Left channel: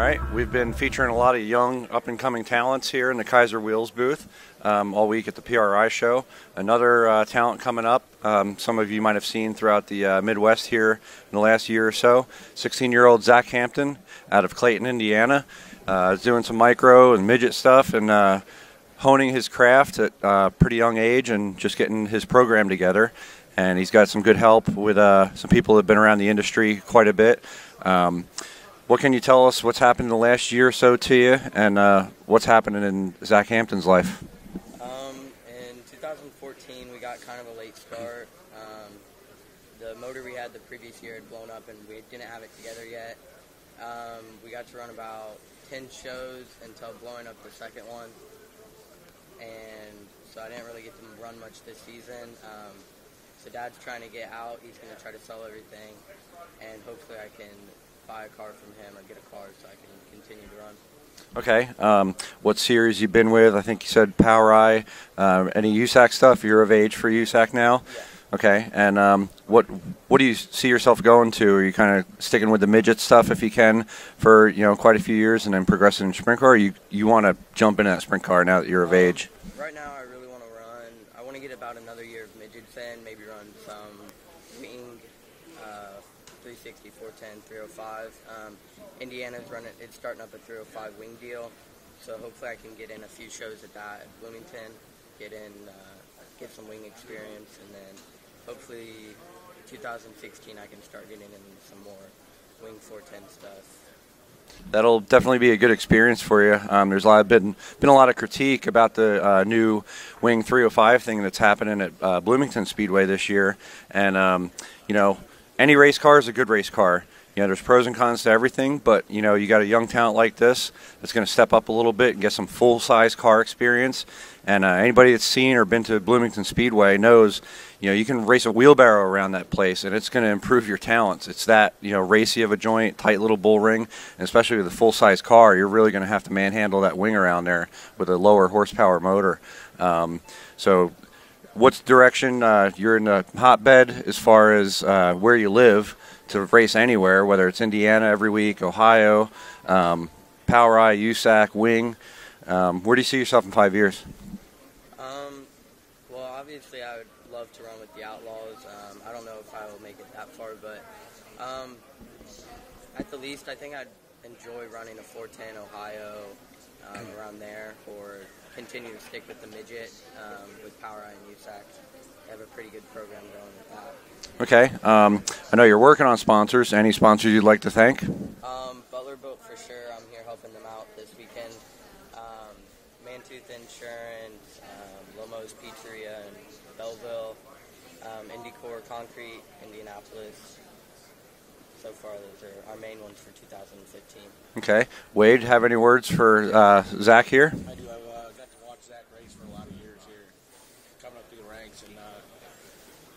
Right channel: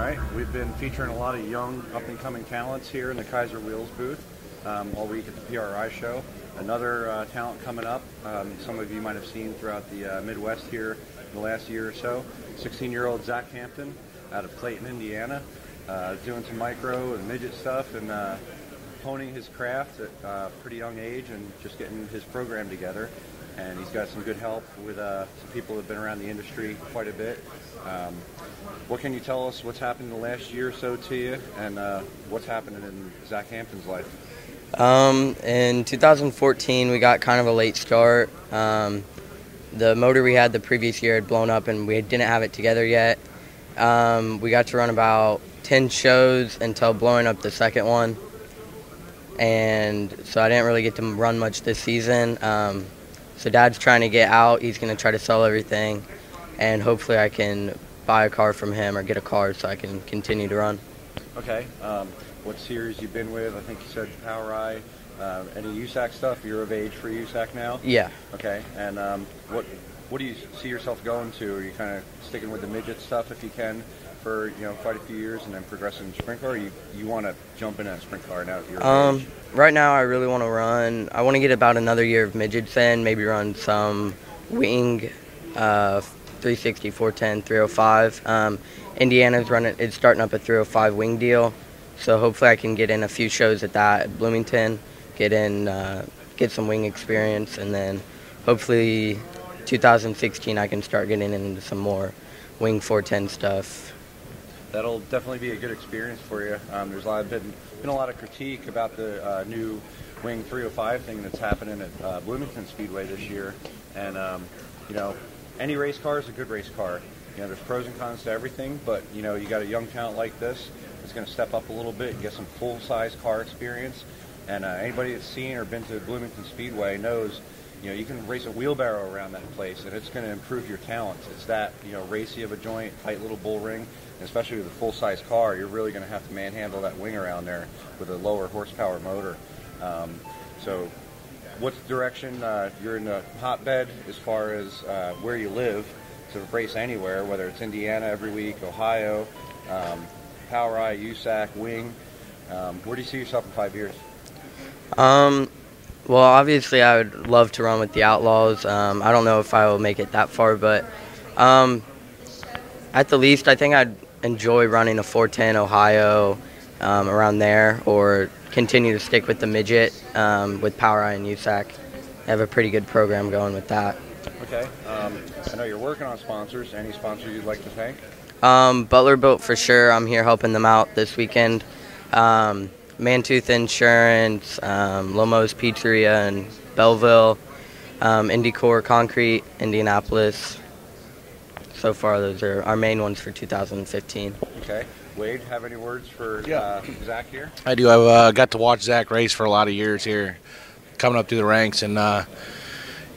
All right, we've been featuring a lot of young, up-and-coming talents here in the Kaiser Wheels booth all week at the PRI show. Another talent coming up, some of you might have seen throughout the Midwest here in the last year or so. 16-year-old Zach Hampton out of Clayton, Indiana, is doing some micro and midget stuff and honing his craft at a pretty young age and just getting his program together. And he's got some good help with some people that have been around the industry quite a bit. What can you tell us what's happened in the last year or so to you, and what's happening in Zach Hampton's life? In 2014, we got kind of a late start. The motor we had the previous year had blown up, and we didn't have it together yet. We got to run about 10 shows until blowing up the second one, and so I didn't really get to run much this season. So Dad's trying to get out. He's going to try to sell everything, and hopefully I can buy a car from him or get a car so I can continue to run. Okay. What series you been with? I think you said Power Eye. Any USAC stuff? You're of age for USAC now? Yeah. Okay. And what do you see yourself going to? Are you kind of sticking with the midget stuff if you can for quite a few years and then progressing in sprint car? Or you want to jump into that sprint car now that you're of age? Right now I really want to run. I want to get about another year of midgets in, maybe run some wing 360, 410, 305. Indiana's starting up a 305 wing deal, so hopefully I can get in a few shows at that at Bloomington, get some wing experience, and then hopefully 2016 I can start getting into some more wing 410 stuff. That'll definitely be a good experience for you. There's been a lot of critique about the new wing 305 thing that's happening at Bloomington Speedway this year, and any race car is a good race car. There's pros and cons to everything, but you got a young talent like this that's going to step up a little bit and get some full-size car experience. And anybody that's seen or been to Bloomington Speedway knows, you can race a wheelbarrow around that place, and it's going to improve your talents. It's that racy of a joint, tight little bull ring, and especially with a full-size car, you're really going to have to manhandle that wing around there with a lower horsepower motor. So, what's direction? You're in a hotbed as far as where you live to race anywhere, whether it's Indiana every week, Ohio, Power Eye, USAC, Wing. Where do you see yourself in 5 years? Well, obviously I would love to run with the Outlaws. I don't know if I will make it that far, but at the least I think I'd enjoy running a 410 Ohio around there, or continue to stick with the midget with Power Eye and USAC. I have a pretty good program going with that. Okay. I know you're working on sponsors. Any sponsors you'd like to thank? Butler Boat for sure. I'm here helping them out this weekend. Mantooth Insurance, Lomo's Pizzeria in Belleville, Indycore Concrete, Indianapolis. So far, those are our main ones for 2015. Okay. Wade, have any words for Zach here? I do. I've got to watch Zach race for a lot of years here, coming up through the ranks, and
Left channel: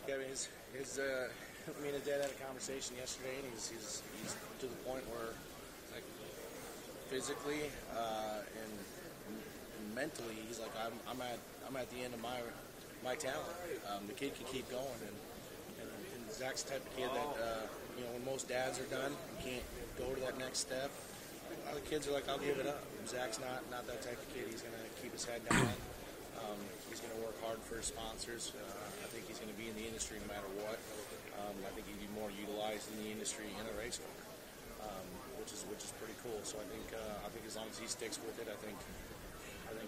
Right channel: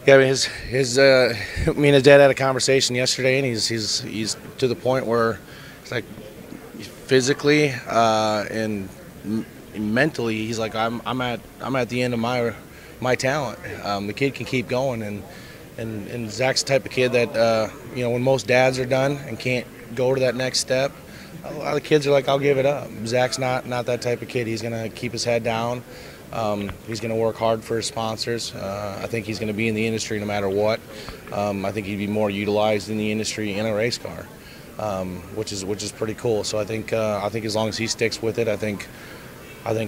yeah, I mean, me and his dad had a conversation yesterday, and he's to the point where it's like physically and mentally, he's like, I'm at the end of my talent. The kid can keep going, and Zach's the type of kid that when most dads are done and can't go to that next step, a lot of kids are like, I'll give it up. Zach's not that type of kid. He's gonna keep his head down. He's going to work hard for his sponsors. I think he's going to be in the industry no matter what. I think he'd be more utilized in the industry in a race car, which is pretty cool. So I think as long as he sticks with it, I think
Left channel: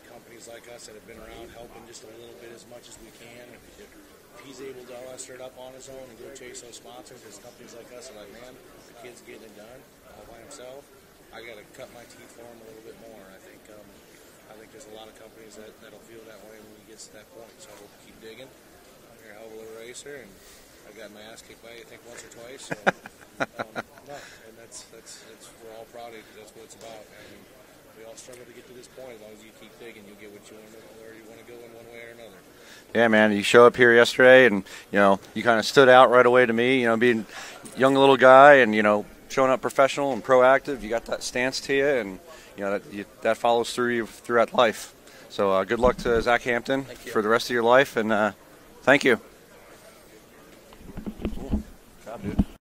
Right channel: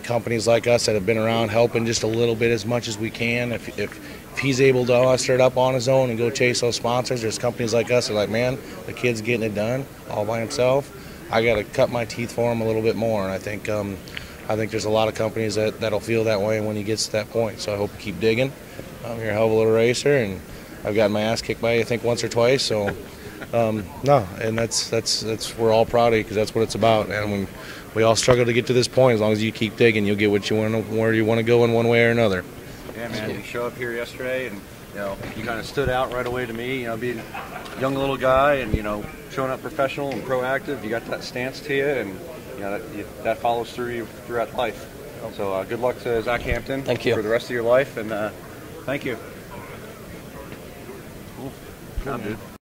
companies like us that have been around helping just a little bit as much as we can. If he's able to muster it up on his own and go chase those sponsors, there's companies like us that are like, man, the kid's getting it done all by himself. I got to cut my teeth for him a little bit more, and I think there's a lot of companies that'll feel that way when he gets to that point. So I hope you keep digging. You're a hell of a little racer, and I've gotten my ass kicked by you, I think, once or twice. So no, and that's we're all proud of you, because that's what it's about. And we all struggle to get to this point. As long as you keep digging, you'll get what you want, where you want to go in one way or another. Yeah, man. You show up here yesterday, and you kind of stood out right away to me. Being a young little guy, and showing up professional and proactive. You got that stance to you, and that follows through you throughout life. So good luck to Zach Hampton. Thank you. For the rest of your life, and thank you. Cool. Good job, dude.